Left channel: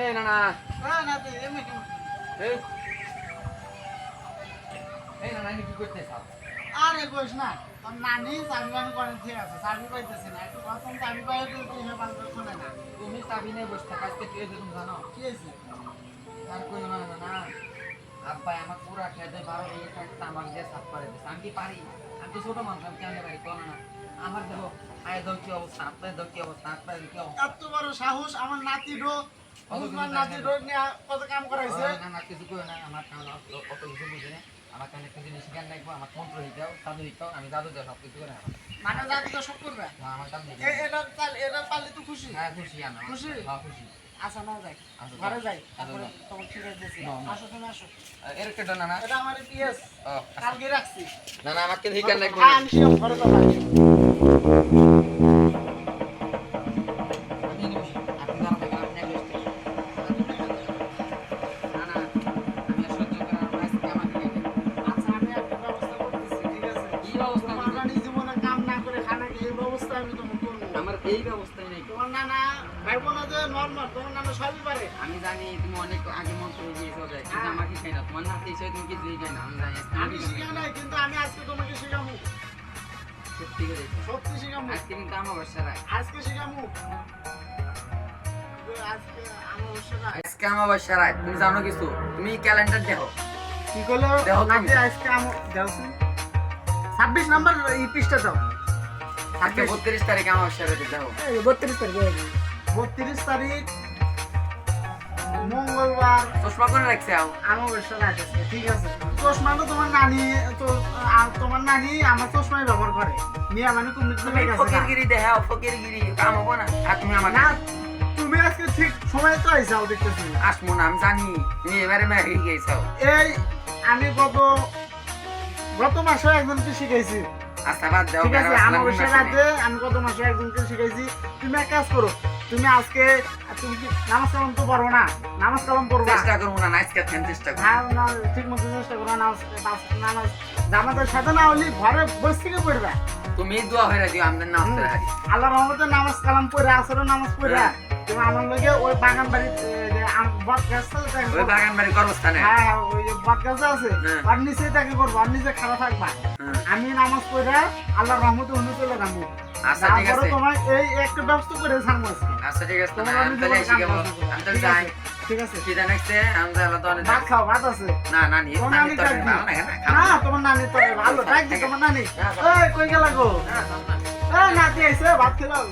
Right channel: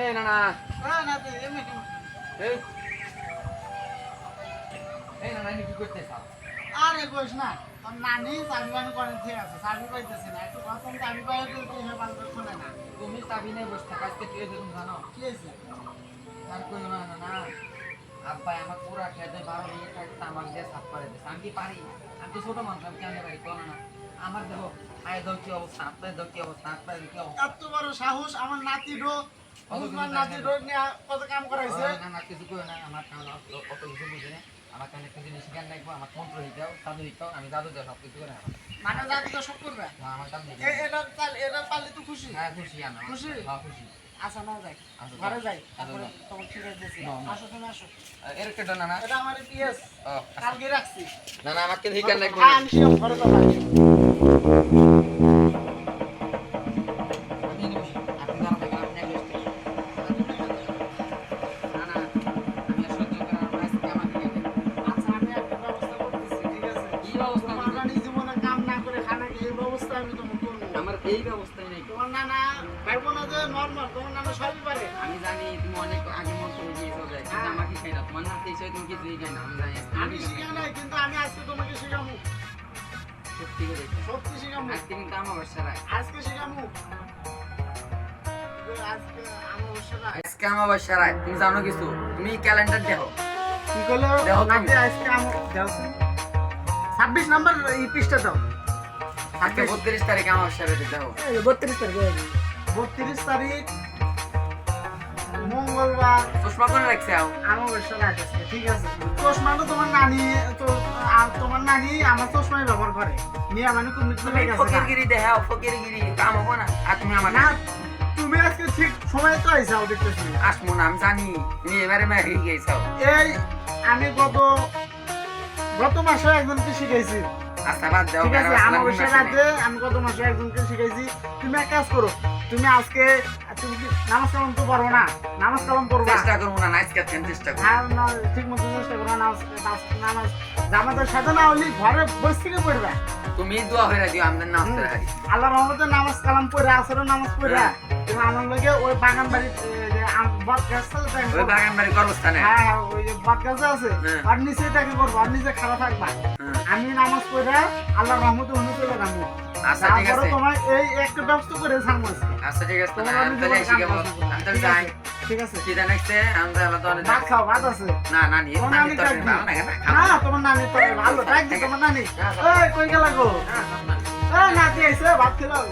এই না না না তুই এমনি কি এই এই না না কি করতেছ? আরে কইস না তোর নানি চাবি বানি করে ঠিক আছে চাবি পাইতেছে না একটু প্রথম চাবি পাই তো তুই হে বাল খুলে না তুমি চাবি নেই বসে থাকা আজকে কি হয়েছে তুমি জানো? কি হয়েছে আর কই না না না আব্বা আমার পুরা খেতে 12 দিকে থাকতে আমাকে দিয়ে সাফ করে দিয়েছে। আমি কি পারি? আমি তো ছোট মানুষ, আমি কেন পারি কোন না? আমার দেখো আয় দাও কি অবস্থা, আপনার দাও কি অবস্থা, আপনার কি অবস্থা? এত বড় সাহস আমার নাতি রোগ বুঝমান নাতি রোগ নিয়ে কত কাম করাইছে না না কিছু করে না, আমার কারণ অত কিছু বুঝে না। আমার কারণে একটা জিনিস শিখান লাগবো, আমার মন্ত্র হিটাও জাদু হিটাও, আমি জাদু দেওয়া সব কিছু করে আমার মানে জাতি তো সব করবে আমার জাদু এটা পারলে তুই খুশি হ্যাঁ খুশি আমি খুশি? হ্যাঁ খুশি। আসা না যাই আচ্ছা, ঘরে যাই আচ্ছা, তারপরে যাও। তোমাকে ঠিক আছে দিছি না, না। আসো তুমি আসো এর কেটে না না এটা আমার পিএস ও, কালকে রাখছি না না আমাকে শিখান লাগবো হ্যাঁ আমি শিওর ঘরে যাবো আচ্ছা আমি একটা ব্যবস্থা করতেছি ঠিক আছে কি ব্যবস্থা তোমার করবে? নানি জীবনে কাম না করে খানা খেয়ে এই ব্যবস্থা আমি তোমাকে করবো আমার এই ব্যবস্থাই নাই। তোমার নানা ভাইবো না যে নর্মাল তোমার নানা সবই পারে আমি জানি তুমি অনেক আগে মন্ত্র দিয়েছো দেখ, কিন্তু হ্যাঁ। আমাকে খাই না, তোমার নাতি হিসেবে তুমি কিছুই খাই না, আমি জানি আমি শিখে নাই কিন্তু আমি আজকে তোমাকে শিখামু সত্যি করে সত্যি শিখামু আজকে কিন্তু আমার বাসা রাখ, আজকে শিখামু আজকে আমার সাথে আজকে আমার বাসা রাখ, তুমি জানো কিছু, তুমি ক্যালেন্ডার দেখো। কি করলো দেখো তুমি। নাতি আজকে আমার দেওছেন 26 নাম্বার এই পৃষ্ঠা দাও আজকে 32 তারিখ আমার বাসা রাখে দেখো। 32 তারিখ মঙ্গলবার চশমা করে রাখছে আও। অমাবস্যা রাত আজকে ঠিক আছে চশমা তো তোমার নানি তো তোমার নানি আমার চশমাই ব্যবহার করে মিয়া মানে কমিটমেন্ট তুমি হয়ে গেছে ফকিরগিরি দেখাও, ফকিরগিরি কাম হবো না। আর তুমি আমার না তুমি আজকে ঠিক সময় তো আইসাও দেখতেছি আসমো না, আমি জানি তুমি এবারে মেরে গেছাও। এই আমি গত মাসে একজনকে শিখাইছি আচ্ছা বাদ দাও, ঠিক আছে বেড়া আসলাম অমাবস্যা নির্বাচনে। রাতে আমি গত মাসে একজনকে শিখাইছি তুমি এক কাজ করো তুমি আজকে তুমি কি নামাজ কালাম তো পারবো না নামাজ কালাম পড়বা চেষ্টা করবো না, আজকে চেষ্টা করবো। হ্যাঁ না ঠিক মতো চেষ্টা করো নামাজ জামাতের সাথে না হলে ঘরে বসে থেকে পড়বে তুমি দোয়া হয়ে দিও, আমাদের নাম করে হারি। আল্লাহ রহমতে নামাজ কালাম পড়ে আসরের নামাজ পড়ে হ্যাঁ। তুমি আমার লগে ওই বাগান বাড়ির যে বট গাছ আছে ওই বাগান বাড়ি কর্মস্থানে। হ্যাঁ ওই যে বট গাছ আছে হ্যাঁ। আর নিচে তাকে করবো আর নিচে খারাপ থাকবা হ্যাঁ। আমি নামাজ পড়ে আল্লাহর রহমতে অন্য চলে যাবো আচ্ছা ঠিক তারপরে আছে, তোমার এই একটা ব্যবস্থা করে ছাড়বো আজকে আচ্ছা ঠিক আছে, তোমার আমি আমি তাহলে তোমার শিখে কাম বলবো। করবো। আমি তাহলে ঠিক যাই। আছে, ঠিক আছে কি জানাইছে আমি তাহলে তো অনেক ভাত খাও ভাত আছে না না নি তোমার আমি নানি তো ডাক ভালো লাগে না, খাবো না না। তোমার নানি তো ভালো ডাক দি তোমার নানি হ্যাঁ, এই কই গেল গো না, খাবো না। এই নাতি আইছে ভাত খেলাও